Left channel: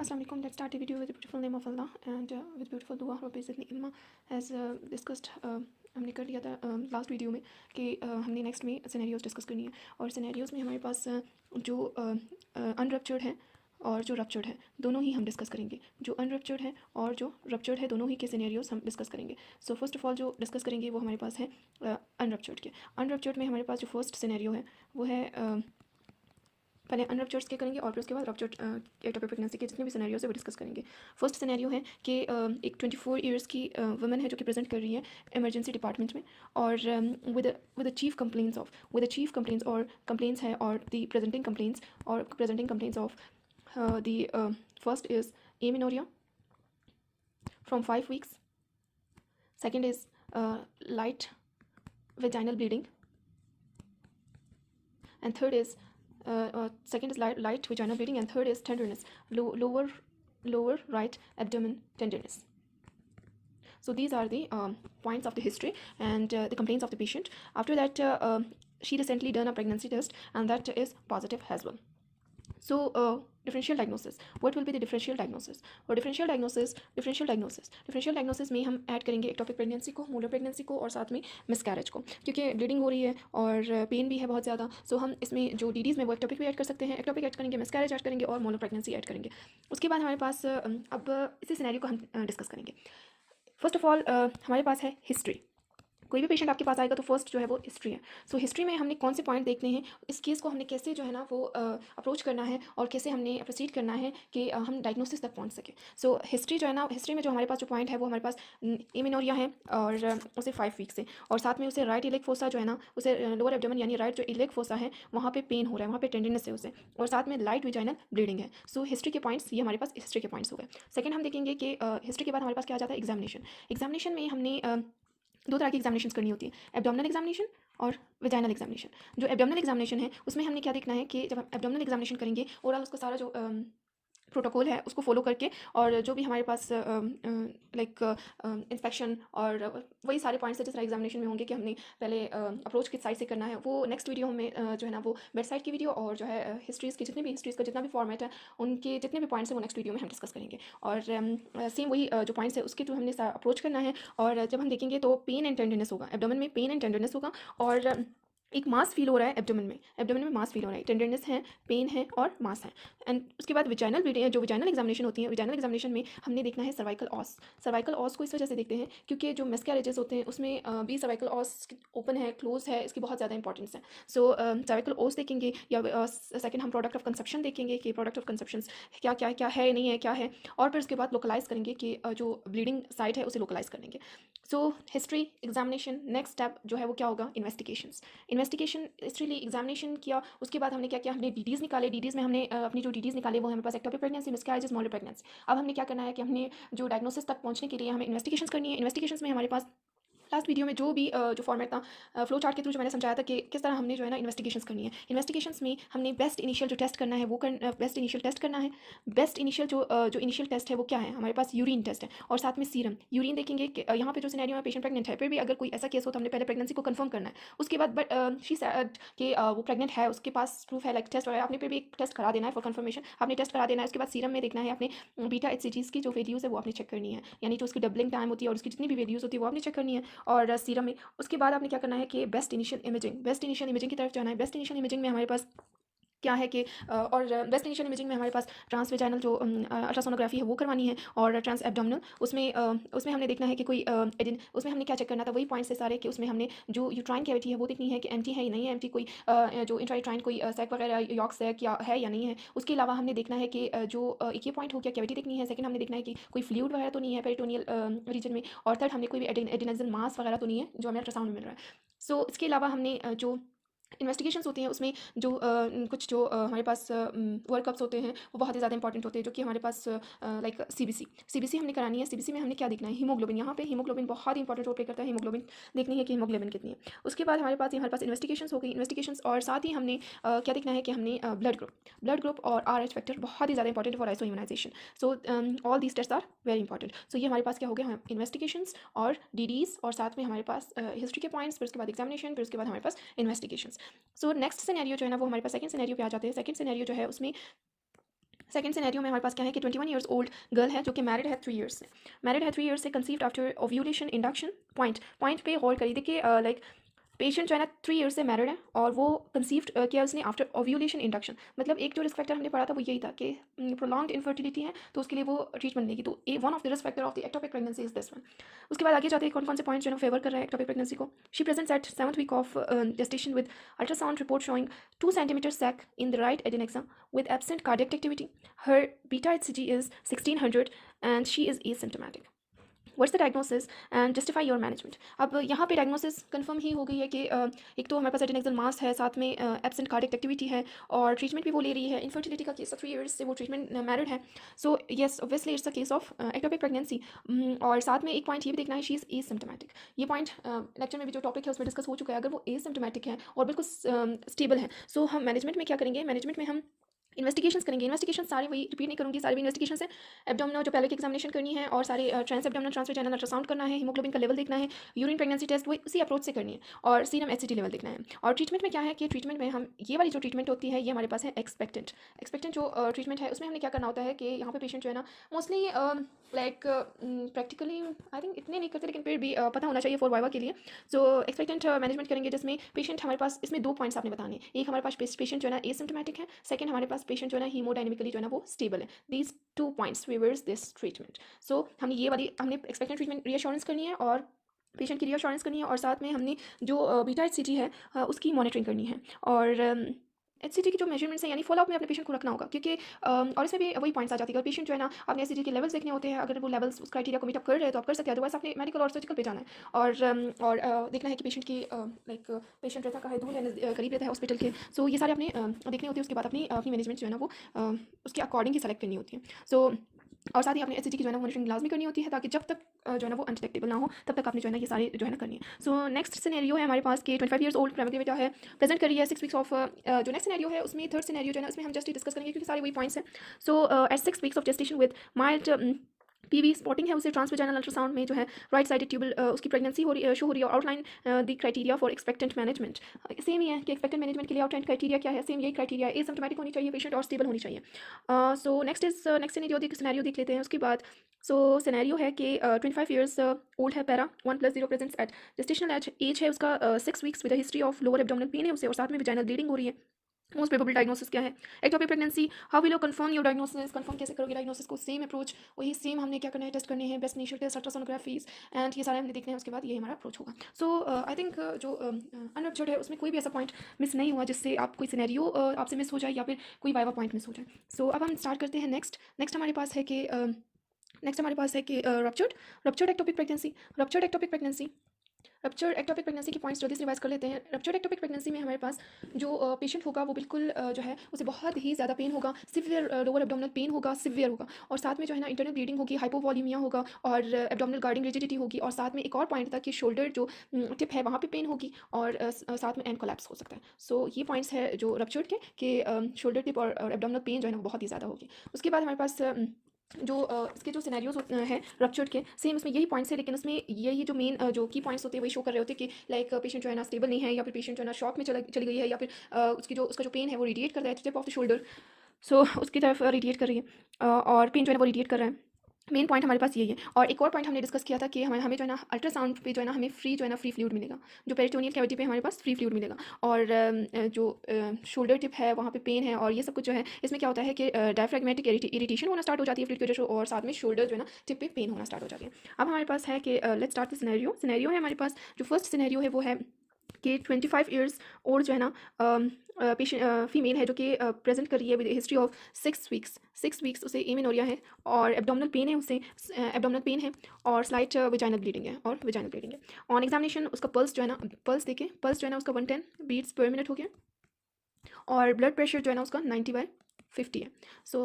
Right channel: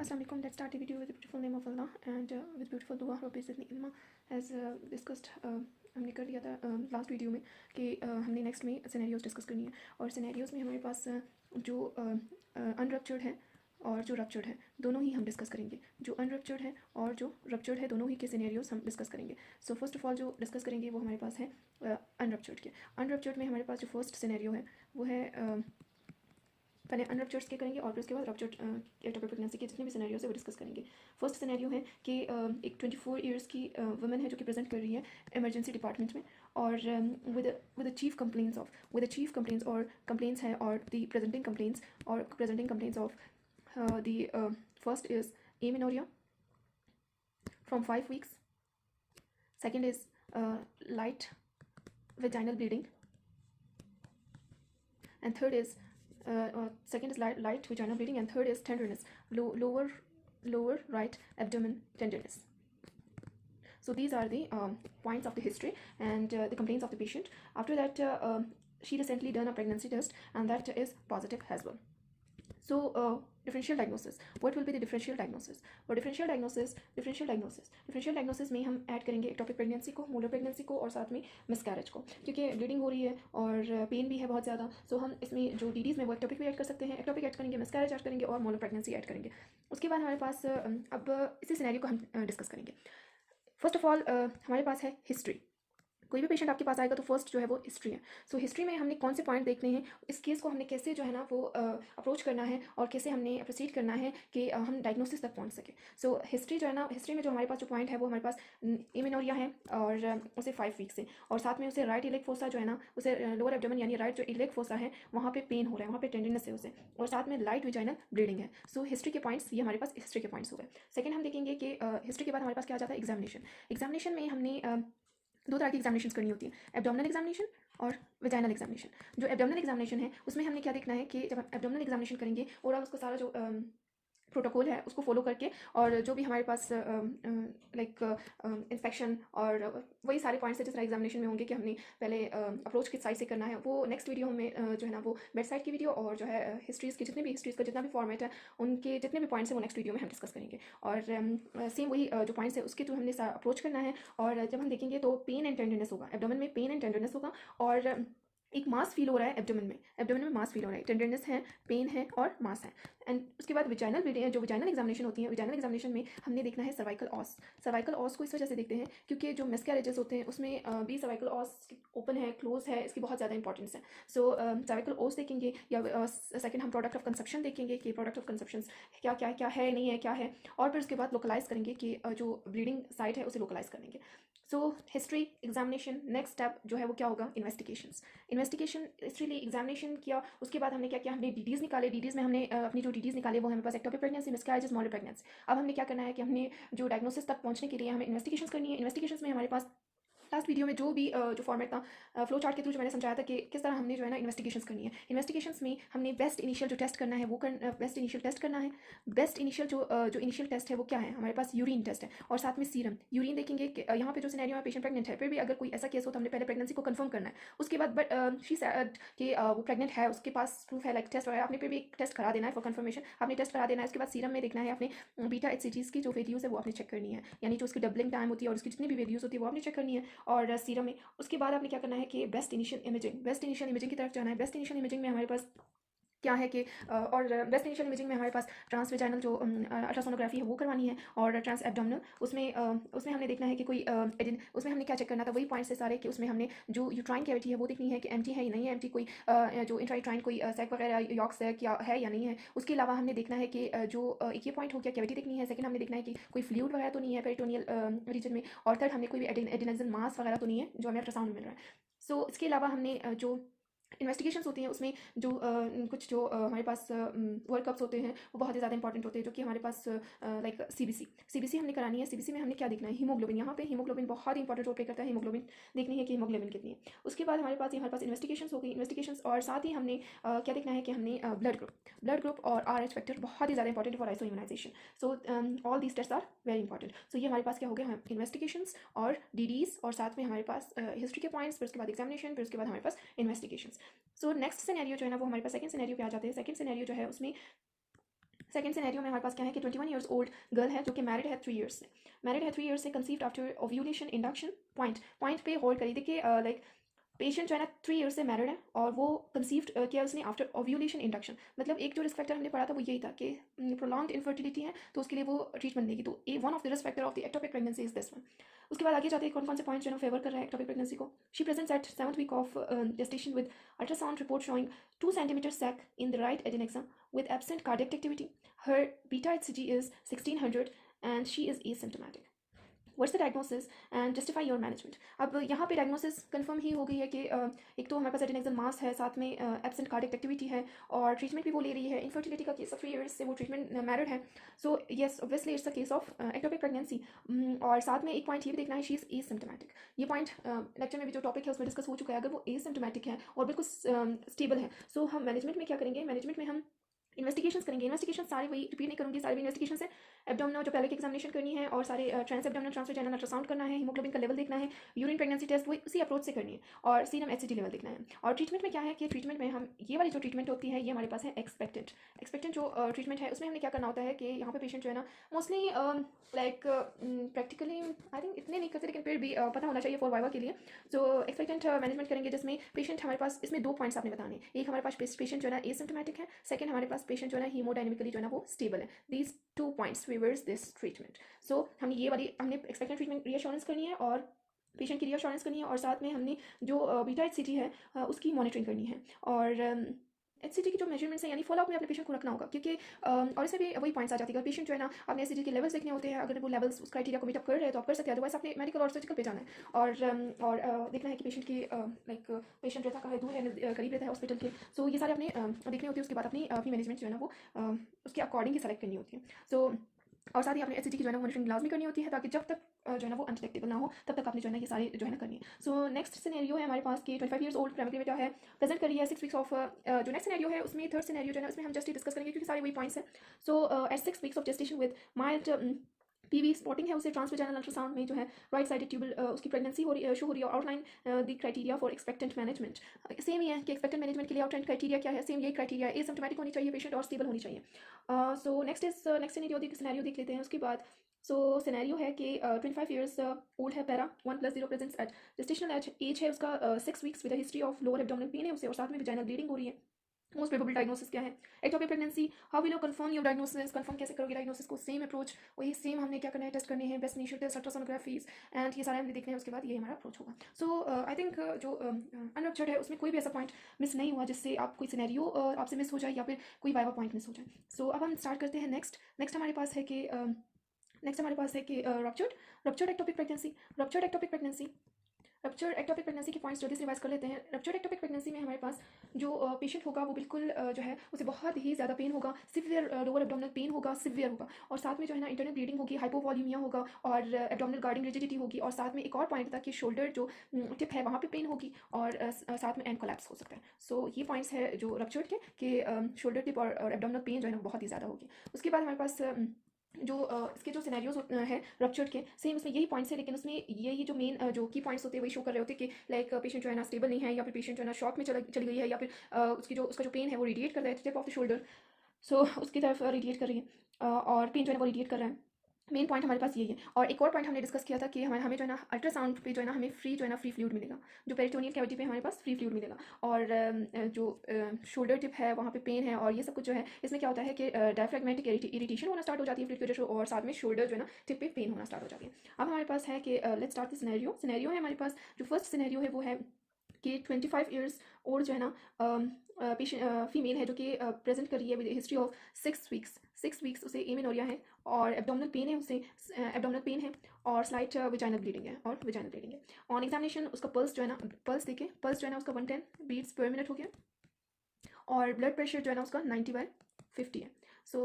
Assalamu alaikum. Let's start the video with the beautiful name of Allah and with beautiful dua. Basically, ilma as discussed हमने कर लिया था last video में कि हमने next में सिनेरियोज डिस्कस करनी है और सिनेरियोज में हमारे पास जो अनरप्चर्ड है और जो रप्चर्ड है दोनों ही हम डिस्कस करेंगे। जो अनरप्चर्ड है और जो रप्चर्ड है दोनों ही के सिनेरियोज हम डिस्कस करेंगे। सो फर्स्ट ऑफ ऑल जो डिस्कस करेंगे वो हमारे पास है अनरप्चर्ड के। अनरप्चर्ड में हमारे पास जो फर्स्ट सिनेरियो है वो है पहले अनरप्चर्ड्स के करेंगे और फिर उसके बाद रप्चर्ड एटोपिक प्रेगनेंसी के जितने भी सिनेरियोज है वो डिस्कस करेंगे। फर्स्ट सिनेरियो है कि एक 24 ईयर्स की वुमेन है जो कि प्रेजेंट कर रही है इमरजेंसी डिपार्टमेंट में और विद चीफ कंप्लेंट्स और कंप्लेंट्स है और the presenting complaints of the first is amenorrhoea from 5 weeks. Second is light vaginal bleeding, and third is second is light vaginal bleeding, and third is tenderness, lower right abdomen tenderness. So these are the points of the history and the complaints of the patient. After that, she recently done a pregnancy test and that is positive as well. So differential diagnosis. What will be the differential diagnosis? For differential diagnosis में हम add करेंगे ectopic pregnancy को, molar pregnancy को और साथ में miscarriage को, क्योंकि ब्लीडिंग हो रही है और पेन भी है बहुत ज़्यादा। सो हम इसमें जो डीडीज़ में वो एक्टोपिक भी ऐड कर सकते हैं, एक्टोपिक ऐड करेंगे, मिसकैरेज ऐड करेंगे और मोलर प्रेगनेंसी ऐड करेंगे। उसके बाद हमारे पास अब इसी सिनेरियो को हम डिस्कस करेंगे। फर्स्ट ऑफ ऑल हमारे पास है हिस्ट्री। कोई भी पेशेंट आपके पास आएगा तो फर्स्ट जो है वो हिस्ट्री है। सो हिस्ट्री में हमने कौन से पॉइंट देखने हैं, इस केस को हमने कैसे जो है ना वो अप्रोच करना है और कैसे हमने प्रोसीड करना है कि हम डायग्नोसिस तक पहुंच सके। सो हिस्ट्री जो है ना, हिस्ट्री में जो हमारे पास जो पॉइंट है वो हमारे पास एमिनोरिया है और उसे 5 weeks से, और साथ में उसे राइट इलेक फोसा जो है ना, उसे लोअर एब्डोमेन यानी राइट जो इलेक फोसा है वहाँ पे पेन हो रहा है, वहाँ पे टेंडरनेस है उसे, और साथ में लाइट विजाइनल ब्लीडिंग है। सो हिस्ट्री के पॉइंट्स ये हमारे पास हिस्ट्री के पॉइंट्स हो गए। सेकंड हम देखेंगे कि हिस्ट्री के बाद हमारे पास क्या आ जाता है, एग्जामिनेशन। एग्जामिनेशन में हमने दो तरह की एग्जामिनेशन करनी होती है, एब्डोमिनल एग्जामिनेशन और विजाइनल एग्जामिनेशन। जो एब्डोमिनल एग्जामिनेशन है उसमें हमने क्या देखना है कि जब हम एब्डोमिनल एग्जामिनेशन करेंगे और उसका सारा जो प्रोटोकॉल है उसको फॉलो करके, और जो भी हमारे पास लाइक इंस्पेक्शन और वही सारे पॉइंट्स जिस तरह एग्जामिनेशन में होंगे कि हमने पहले अप्रोच किस साइड से करना है, वो नेक्स्ट वीडियो में जो है ना वो बेड साइड की वीडियो और जो है हिस्ट्रीज़ की जितने भी हिस्ट्रीज़ का जितना भी फॉर्मेट है उनके जितने भी पॉइंट्स हैं वो नेक्स्ट वीडियो में हम डिस्कस करेंगे। और सेम वही जो पॉइंट्स है उसके थ्रू हमने अप्रोच करना है। और जब हम देखेंगे तो पेन एंड टेंडरनेस होगा, एब्डोमेन में पेन एंड टेंडरनेस होगा और एक मास फील हो रहा है एब्डोमेन में मास फील हो रहा है, टेंडरनेस है, पेन है और मास है। एंड उसके बाद विजाइनल ब्लीडिंग है। जो विजाइनल एग्जामिनेशन होती है, विजाइनल एग्जामिनेशन में हमने देखना है सर्वाइकल ऑस को इस वजह से देखते हैं क्योंकि जो मिसकैरेजेस होते हैं उसमें भी सर्वाइकल ऑस ओपन है, क्लोज है, इसकी बहुत ज़्यादा इंपॉर्टेंस है। सो सर्वाइकल ऑस देखेंगे, या सेकंड हम प्रोडक्ट ऑफ कंसेप्शन देखेंगे कि प्रोडक्ट ऑफ कंसेप्शन क्या क्या क्या है, नहीं है, क्या है, और फिर उसके बाद लोकलाइज करेंगे कि जो ब्लीडिंग साइट है उसे लोकलाइज करेंगे। So history, examination, next step जो है वो क्या होगा, इन्वेस्टिगेशन। हिस्ट्री एग्जामिनेशन किया, उसके बाद हमने क्या किया, हमने डीडीज़ निकाले। डीडीज़ में हमने अपनी जो डीडीज़ निकाले वो हमारे पास ectopic pregnancy, miscarriages, molar pregnancy. अब हमने क्या करना है कि हमने जो डायग्नोसिस तक पहुंचने के लिए हमें इन्वेस्टिगेशंस करनी है। इन्वेस्टिगेशंस में हमारे पास लास्ट वीडियो में जो भी जो फॉर्मेट था फ्लो चार्ट के थ्रू जो मैंने समझाया था कि किस तरह हमने जो है ना इन्वेस्टिगेशंस करनी है। इन्वेस्टिगेशंस में हमने बेस्ट इनिशियल जो टेस्ट करना है वो बेस्ट इनिशियल टेस्ट करना है। बेस्ट इनिशियल जो इनिशियल टेस्ट है वो क्या है, हमारे पास यूरिन टेस्ट है और साथ में सीरम। यूरिन देखेंगे कि यहाँ पे जो सिनेरियो में पेशेंट प्रेग्नेंट है, फिर भी अगर कोई ऐसा केस हो तो हमने पहले प्रेगनेंसी को कंफर्म करना है। उसके बाद बट शी सेड कि वो प्रेग्नेंट है, उसके पास प्रूफ है, लाइक टेस्ट वगैरह, आपने फिर भी एक टेस्ट करा देना है फॉर कंफर्मेशन, आपने टेस्ट करा देना है। उसके बाद सीरम में देखना है आपने बीटा HCGs की जो वैल्यूज़ है वो आपने चेक करनी है, यानी जो उसकी डबलिंग टाइम होती है और उसकी जितनी भी वैल्यूज़ होती है वो आपने चेक करनी है। और सीरम में उसके बाद आपने क्या करना है कि बेस्ट इनिशियल इमेजिंग की तरफ जाना है। बेस्ट इनिशियल इमेजिंग में हमारे पास क्या है कि और बेस्ट इनिशियल इमेजिंग में हमारे पास ट्रांस वेजाइनल जो अल्ट्रासोनोग्राफी है वो करवानी है, और ट्रांस एब्डोमिनल उसमें हमने देखना है कि कोई उसमें हमने क्या चेक करना था, वही पॉइंट्स से सारे कि उसमें हमने जो यूट्राइन कैविटी है वो देखनी है कि एम्प्टी है या नहीं है, एम्प्टी कोई जो इंट्रायूट्राइन कोई सैक वगैरह यॉक सैक या है या नहीं है। उसके अलावा हमने देखना है कि जो एक ये पॉइंट हो गया, कैविटी देखनी है। सेकंड हमने देखना है कि कोई फ्लूइड वगैरह तो नहीं है पेरिटोनियल रीजन में, और थर्ड हमने कोई भी एडिनेजल मास वगैरह तो नहीं है जो हमें अल्ट्रासाउंड में मिल रहा है। सो इसके अलावा हमने जो इन्वेस्टिगेशंस होती हैं उसमें जो कुछ जो हमारे पास वर्कअप्स होते हैं वो बहुत ही ज़्यादा इंपॉर्टेंट होते हैं, जो कि हमारे पास लाइक सीबीसी हमने करानी है। सीबीसी में हमने क्या देखना है, हीमोग्लोबिन। यहाँ पे हीमोग्लोबिन बहुत ही इंपॉर्टेंट रोल प्ले करता है, हीमोग्लोबिन देखनी है कि हीमोग्लोबिन कितनी है। उसके बाद हमारे पास इन्वेस्टिगेशंस हो गई, इन्वेस्टिगेशंस, और साथ ही हमने क्या देखना है कि हमने ब्लड ग्रुप और RH फैक्टर बहुत ही ज़्यादा important for isoimmunisation. So all these test are very important. So ये हमारे पास क्या हो गया, इन्वेस्टिगेशंस और डीडीज़, और साथ में हमारे पास हिस्ट्री के पॉइंट्स, फिर उसके बाद एग्जामिनेशन, फिर उसके बाद हमारे पास इन्वेस्टिगेशंस। सो नेक्स्ट सिनेरियो जो है ना वो हमारे पास सेकंड सिनेरियो पे आ जाते हैं। सेकंड सिनेरियो जो है उसमें सेकंड सिनेरियो में हमारे पास क्या है कि 21 ईयर्स ओल्ड गर्ल है जो कि मैरिड है 3 ईयर्स से, मैरिड है 3 ईयर्स से, conceived after ovulation induction. Point पे होल्ड करिए। देखिए लाइक पेशेंट जो है ना 3 ईयर्स से मैरिड है और वो कंसीव्ड किया उसने आफ्टर ओव्यूलेशन इंडक्शन। मतलब एक जो रिस्क फैक्टर हमने पढ़ा था वो यही था कि प्रोलॉन्ग्ड इनफर्टिलिटी है तो उसके लिए वो ट्रीटमेंट लेगी। तो one of the risk factor of the ectopic pregnancy is this one. उसके बाद आगे जाते हैं कौन कौन से पॉइंट्स जो है फेवर कर रहे हैं एक्टोपिक प्रेगनेंसी को। She presents at 7th week of gestation with ultrasound report showing 2 centimeter sac in the right adnexa with absent cardiac activity. Her beta HCG is 1600 and she is asymptomatic. What's the diagnosis and justify your management. अब यहाँ पे diagnosis confirm ही हो गई है कि एक तो हमारे पास एडेनेक्सल मास है, साथ में एब्सेंट कार्डियक एक्टिविटी है और ट्रीटमेंट भी वो ले रही है। इनफर्टिलिटी का केस 3 ईयर्स से वो ट्रीटमेंट मैरिड है। So yes obviously it's a case of ectopic pregnancy. और साथ में एक पॉइंट ये भी देखना है, शी इज़ एसिम्प्टोमेटिक। ये पॉइंट लेक्चर में भी जो टॉपिक है उसमें डिस्कस हो चुका है। अगर वो एसिम्प्टोमेटिक है और बिल्कुल स्टेबल है, सो हम मैनेजमेंट में क्या करेंगे, मैनेजमेंट में हम इन्वेस्टिगेशंस करेंगे। इन्वेस्टिगेशन सारी वही रिपीट नहीं करूँगी, सारी इन्वेस्टिगेशन है। एब्डोमिनल जो पेल्विक एग्जामिनेशन करनी है और सारे ट्रांस एब्डोमिनल ट्रांसवेजाइनल अल्ट्रासाउंड करना है, हीमोग्लोबिन का लेवल देखना है, यूरिन प्रेगनेंसी टेस्ट वो उसी अप्रोच से करनी है और सीरम एचसीजी लेवल देखना है। और ट्रीटमेंट में क्या है कि ट्रीटमेंट में हम ये वाली जो ट्रीटमेंट होती है ये हमारे पास है एक्सपेक्टेंट जो ट्रीटमेंट है उसमें हमने क्या करना होता है कि यहाँ पे पेशेंट जो है ना mostly like practically I think इतने नहीं करते लेकिन फिर भी पता होना चाहिए फॉर वाइवा के लिए। सो एक्सपेक्टेंट मैनेजमेंट करेंगे जिसमें पेशेंट हमारे पास, इसमें 2 पॉइंट्स आपने बताने हैं। एक हमारे पास पेशेंट जो है ना एसिम्प्टोमेटिक है, सेकंड हमारे पास पेशेंट जो है ना हीमोडायनेमिकली जो है ना वो स्टेबल है। These 2 points reverse this treatment. So हमने ये वाली हमने एक्सपेक्टेंट ट्रीटमेंट रीअश्योरेंस करनी है और पेशेंट की रीअश्योरेंस करनी है और साथ में हमने जो बीटा HCG है उसकी मॉनिटरिंग करनी है और HCG की जो मेजरमेंट्स हैं यानी फॉलोअप में अपने पेशेंट को रखना होगा क्योंकि और इसमें भी वही पॉइंट्स आ जाती है। अगर पेशेंट जो है ना अपने HCG के लेवल्स देखने होते हैं, अगर वो लेवल्स उस क्राइटेरिया को मीट अप कर रहे हैं तो आप कर सकते हैं, अदरवाइज आपने मेडिकल और सर्जिकल पे जाना है और देखना है कि पेशेंट की लाइक पेशेंट रहता कहाँ है, दूर है करीब रहता है हॉस्पिटल के। सो ये सारे अपने देखने होते हैं। उसके बाद अपनी मैनेजमेंट जो है ना वो उसके अकॉर्डिंग ही सेलेक्ट करनी होती है। सो और साथ ही अपने HCG की जो है ना मॉनिटरिंग लाजमी करनी होती है ताकि जब तक जो है ना वो अनडिटेक्टेबल ना हो तब तक आपने जो है ना ये सारे जो है ना करनी है। सो नेक्स्ट सिनेरियो है हमारे पास कि 25 ईयर्स ओल्ड प्राइमरी बेटा है, प्रेजेंट करी है 6 वीक्स ऑफ जो नेक्स्ट सिनेरियो है उसमें थर्ड सिनेरियो जो है ना उसमें हम जस्ट डिस्कस करेंगे क्योंकि सारे वही पॉइंट्स हैं। So at 6 weeks of gestation with mild PV spotting है उसे ट्रांसवेजाइनल अल्ट्रासाउंड में जो है राइट साइडेड ट्यूबल उसकी प्रेगनेंसी शो हो रही है। Outline the criteria for expectant management same ही है कि एक्सपेक्टेंट मैनेजमेंट के लिए आउटलाइन क्राइटेरिया क्या है, सेम यही क्राइटेरिया है। एसिम्प्टोमेटिक होनी चाहिए पेशेंट और स्टेबल होनी चाहिए। सो नेक्स्ट सिनेरियो देख लेते हैं। उसके बाद सो सिनेरियो है कि 25 ईयर्स ओल्ड है, para 1+0 presents at gestational age है उसका 6 weeks with history of lower abdominal pain है उसे और साथ में वेजाइनल ब्लीडिंग हो रही है। मोस्ट प्रोबेबल डायग्नोसिस क्या है, ectopic pregnancy. How will you confirm your diagnosis, confirm कैसे करोगे डायग्नोसिस को, सेम अप्रोच वही सेम हमने क्या करना है, टेस्ट करने हैं, बेस्ट इनिशियल टेस्ट, अल्ट्रासोनोग्राफीज एंड ये सारे हमने देखने हैं। उसके बाद ये हमारा अप्रोच होगा। सो आई थिंक जो अनरप्चर्ड है उसमें कोई भी ऐसा पॉइंट मिस नहीं हुआ जिससे आप कोई सिनेरियो आपसे मिस हो जाए या फिर कोई वाइवा पॉइंट मिस हो जाए। सो अब हम स्टार्ट करते हैं नेक्स्ट हमारे पास है कि ruptured ectopic pregnancy. Ruptured ectopic pregnancy के पॉइंट्स जल्दी से रिवाइज कर लेते हैं। रप्चर्ड एक्टोपिक प्रेगनेंसी में हमारे पास जो पेशेंट होगा वो बिल्कुल जो है उसे बहुत ही ज़्यादा पेन होगा, सिवियर लोअर एब्डोमिनल पेन होगा, सिवियर होगा और साथ में जो है ना इंटरनल ब्लीडिंग होगी, हाइपोवॉल्यूमिया होगा और एब्डोमिनल गार्डिंग रिजिडिटी होगी और साथ में एक और पॉइंट था कि शोल्डर जो टिप है वहाँ पे पेन होगी और साथ में एंड कोलैप्स हो सकता है। सो ये पॉइंट्स है जो रप्चर्ड के कि शोल्डर टिप और एब्डोमिनल पेन जो है ना बहुत ही ज़्यादा होगी। उसके बाद हमारे पास जो इसके जो सिनेरियोज हैं रप्चर्ड के, सेम उसमें यही पॉइंट्स है लेकिन उसमें यही जो मेन जो की पॉइंट्स होते हैं वही शो कर रहे होते हैं कि लाइक पेशेंट जो है ना स्टेबल नहीं है या फिर पेशेंट जो है ना शॉक में चली गई है या फिर उसका जो पेन है वो रेडिएट कर रहा है टिप ऑफ द शोल्डर। सो उसकी तरफ रेडिएट कर रही है और पेन जो है ना वो रेडिएट कर रहा है। मेन पॉइंट हमारे पास यही है। और एक और पॉइंट हमने डिस्कस किया था कि हमें जो है ना अल्ट्रासाउंड पे जो है ना हमें फ्री फ्लूइड मिलेगा, जो पेरिटोनियल कैविटी पे हमारे पास फ्री फ्लूइड मिलेगा और जो शोल्डर टिप है वहाँ पे पेन है और ये सब कुछ जो है इसमें क्या होता है कि डायफ्रैग्मेटिक इरिटेशन होना स्टार्ट हो जाती है फ्लूइड की वजह से और साथ में शोल्डर जो है ना टिप पे पेन होना स्टार्ट हो जाती है। अब हमारे पास है कि लेट्स स्टार्ट द सिनेरियो है हमारे पास। जो फर्स्ट सिनेरियो है वो है कि 25 ईयर्स ओल्ड जो है ना पेशेंट फीमेल है जो कि प्रेजेंट कर रही है विद हिस्ट्री ऑफ 6 वीक्स उसे एमेनोरिया है और एब्डोमिनल पेन है उसे एब्डोमिनल पेन है और स्लाइट वेजाइनल ब्लीडिंग है ऑन एग्जामिनेशन उसका पल्स जो है ना पल्स जो है ना उसका 110 बीट्स पर मिनट हो गया और ब्लड प्रेशर जो है ना उसका 90/50 है। सो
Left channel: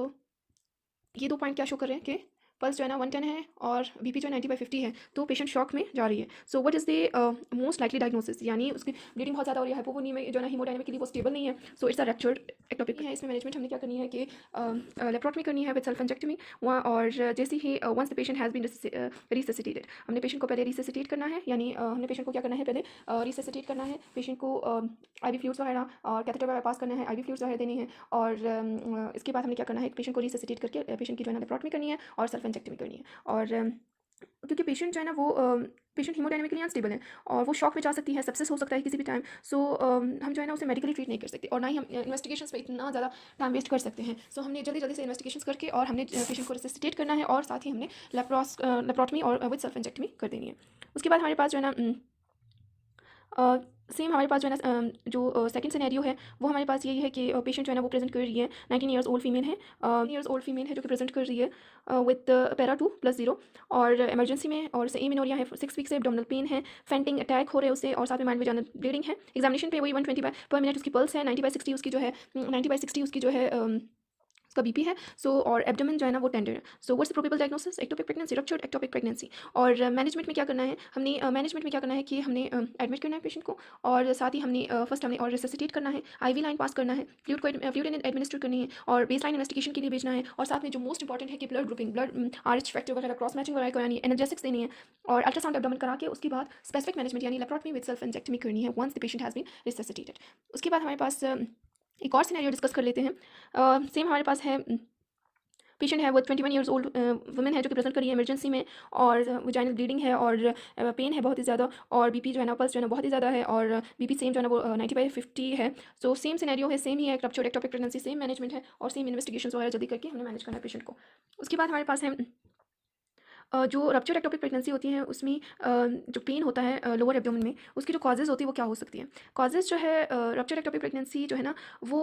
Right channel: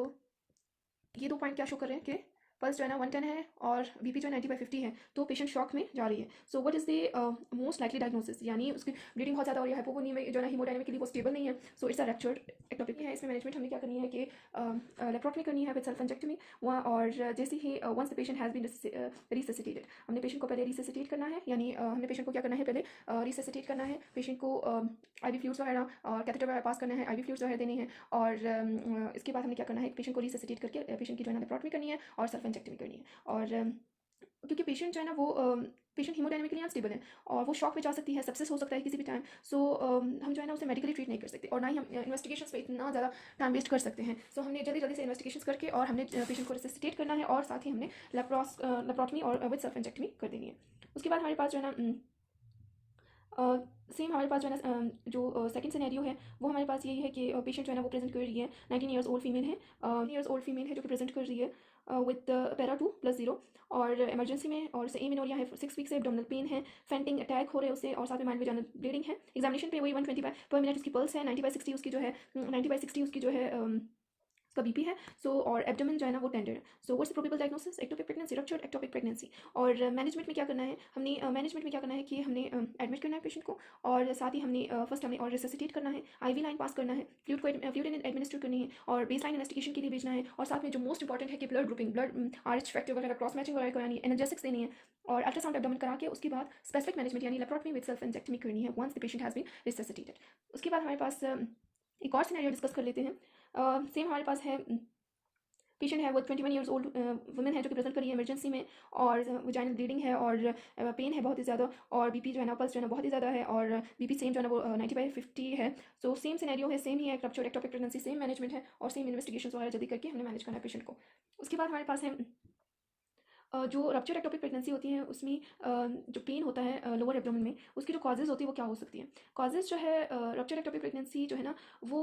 ये 2 पॉइंट क्या शो कर रहे हैं कि पल्स जो है ना 110 है और बीपी जो है 90/50 है, तो पेशेंट शॉक में जा रही है। So what is the most likely diagnosis, यानी उसकी ब्लीडिंग बहुत ज़्यादा हो रही है, हाइपोवोनी में जो है ना हीमोडायनेमिकली वो स्टेबल नहीं है, so it's a ruptured ectopic है। इसमें मैनेजमेंट हमने क्या करनी है कि लेप्रोटमी करनी है विद सेल्फेंजेक्टमी वहाँ, और जैसे ही once the patient has been resuscitated, हमने पेशेंट को पहले रिससिटेट करना है, यानी हमने पेशेंट को क्या करना है, पहले रिससिटेट करना है, पेशेंट को आईवी फ्लूइड्स वगैरह और कैथेटर वगैरह पास करना है, आईवी फ्लूइड्स वगैरह देनी है, और इसके बाद हमने क्या करना है, पेशेंट को रिससिटेट करके पेशेंट की जो है ना लेप्रोटमी करनी है और सेल्फेंजेक्टमी करनी है। और क्योंकि पेशेंट जो है ना वो पेशेंट हीमोडायनेमिकली अनस्टेबल है और वो शॉक में जा सकती है, सेप्सिस हो सकता है किसी भी टाइम, सो हम जो है ना उसे मेडिकली ट्रीट नहीं कर सकते और ना ही हम इन्वेस्टिगेशंस पे इतना ज़्यादा टाइम वेस्ट कर सकते हैं। सो हमने जल्दी जल्दी से इन्वेस्टिगेशंस करके और हमने पेशेंट को रिससिटेट करना है और साथ ही हमने लेप्रोटमी और विद सेल्फेंजेक्टमी कर देनी है। उसके बाद हमारे पास जो है ना सेम हमारे पास जो है ना जो सेकंड सिनेरियो है वो हमारे पास यही है कि पेशेंट जो है ना वो प्रेजेंट कर रही है, 19 ईयर्स ओल्ड फीमेल है, ईयर्स ओल्ड फीमेल है जो कि प्रेजेंट कर रही है विद पैरा 2+0 और इमरजेंसी में, और से एमिनोरिया है, 6 वीक से एब्डोमिनल पेन है, फेंटिंग अटैक हो रहे हैं उससे, और साथ में माइंड वेजाइनल ब्लीडिंग है। एग्जामिनेशन पे वही 120/मिनट उसकी पल्स है, 90/60 उसकी जो है 90/60 उसकी जो है उसका बीपी है। सो और एब्डोमेन जो है ना वो टेंडर है। So what's the probable diagnosis, ectopic pregnancy, ruptured ectopic pregnancy. और मैनेजमेंट में क्या करना है, हमने मैनेजमेंट में क्या करना है कि हमने एडमिट करना है पेशेंट को, और साथ ही हमने फर्स्ट हमने और रिससिटेट करना है, आईवी लाइन पास करना है, फ्लूइड एडमिनिस्टर करनी है और बेस लाइन इन्वेस्टिगेशन के लिए भेजना है, और साथ में जो मोस्ट इंपॉर्टेंट है कि blood grouping, blood RH factor वगैरह क्रॉस मैचिंग वगैरह करानी है, एनर्जेटिक्स देनी है, और अल्ट्रासाउंड एब्डोमेन करा के उसके बाद स्पेसिफिक मैनेजमेंट यानी लेप्रोटमी विद सेल्फ इंजेक्टमी करनी है once the patient has been resuscitated. उसके बाद हमारे पास एक और सिनेरियो डिस्कस कर लेते हैं। सेम हमारे पास है, पेशेंट है वो 21 ईयर्स ओल्ड वुमेन है जो कि प्रेजेंट करी है इमरजेंसी में, और वजाइनल ब्लीडिंग है और पेन है बहुत ही ज़्यादा, और बीपी जो है ना पल्स जो है ना बहुत ही ज़्यादा है, और बीपी सेम जो है ना वो 90/50 है। सो सेम सिनेरियो है, सेम ही है, ruptured ectopic pregnancy, same management है और सेम इन्वेस्टिगेशन वगैरह जल्दी करके हमने मैनेज करना है पेशेंट को। उसके बाद हमारे पास है जो रप्चर्ड एक्टोपिक प्रेगनेंसी होती है उसमें जो पेन होता है लोअर एब्डोमेन में, उसकी जो कॉजेज़ होती है वो क्या हो सकती है। कॉजेज़ जो है रप्चर्ड एक्टोपिक प्रेगनेंसी जो है ना वो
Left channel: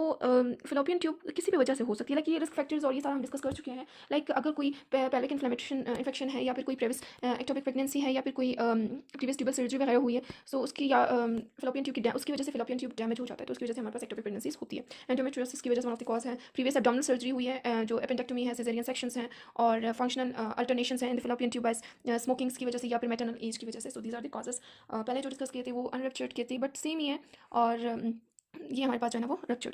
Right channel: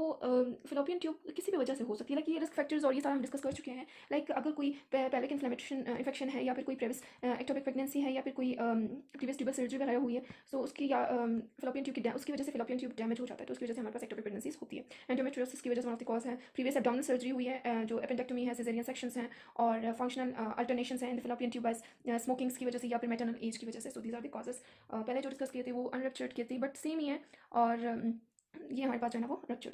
फिलोपियन ट्यूब किसी भी वजह से हो सकती है, लाइक ये रिस्क फैक्टर्स और ये सारा हम डिस्कस कर चुके हैं। लाइक अगर कोई पैलिक इन्फ्लेमेशन है, या फिर कोई प्रेविस एक्टोपिक प्रेगनेंसी है, या फिर कोई प्रीवियस ट्यूबल सर्जरी वगैरह हुई है, सो उसकी या फिलोपियन ट्यूब की उसकी वजह से फिलोपियन ट्यूब डैमेज हो जाता है, तो उसकी वजह से हमारे पास एक्टोपिक प्रेगनेंसीज होती है। एंडोमेट्रियोसिस की वजह से वन ऑफ द कॉज है, प्रीवियस एब्डोमिनल सर्जरी हुई है, जो एपेंडेक्टमी है, सिजेरियन सेक्शंस हैं, और फंक्शनल अल्टरनेशंस हैं इन द फिलोपियन ट्यूब स्मोकिंग्स की वजह से या फिर मैटरनल एज की वजह से। So these are the causes. पहले जो डिस्कस किए थे वो अनरप्चर्ड किए थे, बट सेम ही है, और ये हमारे पास जो है ना वो रप्चर्ड